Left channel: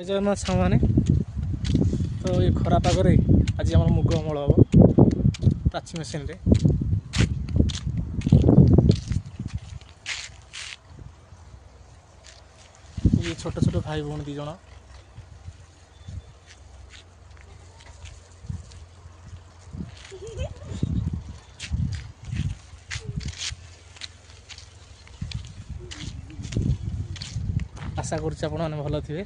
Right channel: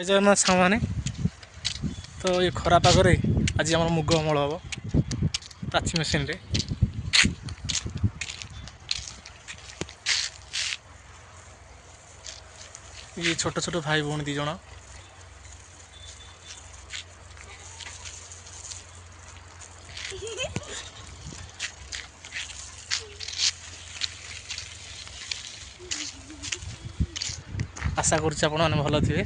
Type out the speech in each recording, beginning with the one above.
जगन्नाथ सामने तो ये खरा पागरे आज आम मुग अमल हम प्राची मेसीन रे ये छोट छोट भाई भौणी दी जण आशा करुच्चे आपण मैंने भल थे।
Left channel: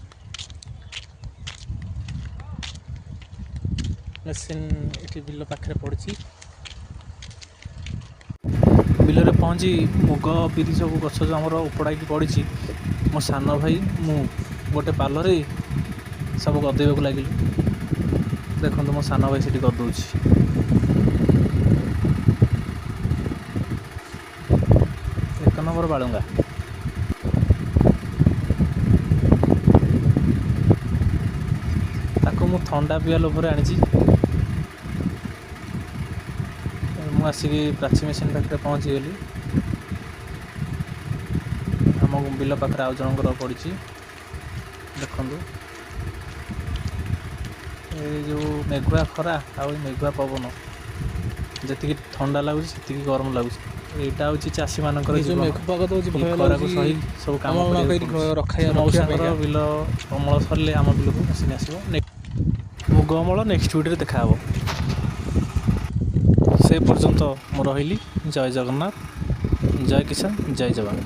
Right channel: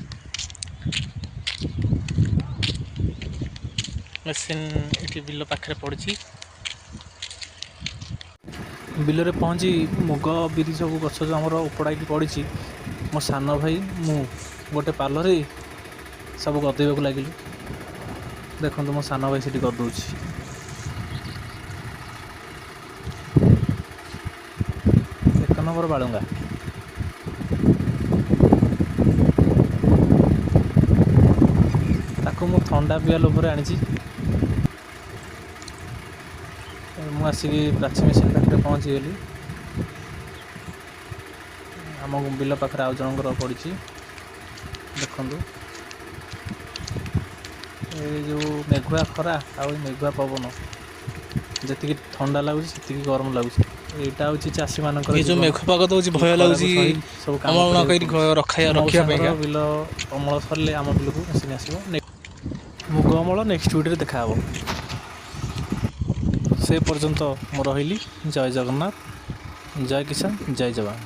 मेसीन ये बिल पाखे पड़ी बिल पहुँची मुग बिरी सब गछ जो आम उपड़ा पड़ी मो सान भाई मु गोटे पालर सब गदेक लगिल देखो मो सान भाई से गदौ एक नंबर बालुंगा ताको मु थंडा पिया लोभर आनी मुसिक प्राची मेसीन पाखे पहुँची गली आम बिल पाखे आउ जनकर पड़ी देखु ये जो मेघुआ खरा आ मेघुआ पवन जी ठंडा लगुच से गरम लगुच यहाँ हूँ चाषी मान जो मेघ पाग दूसरी भय लगे सब कम रखा बिल अमल सरले आम बिल को मेसीन आसो मुग अमल नेक्स्ट वीडियो देखा से पर्यंत मु रही जय जगन्नाथ जय किसान जय जवान।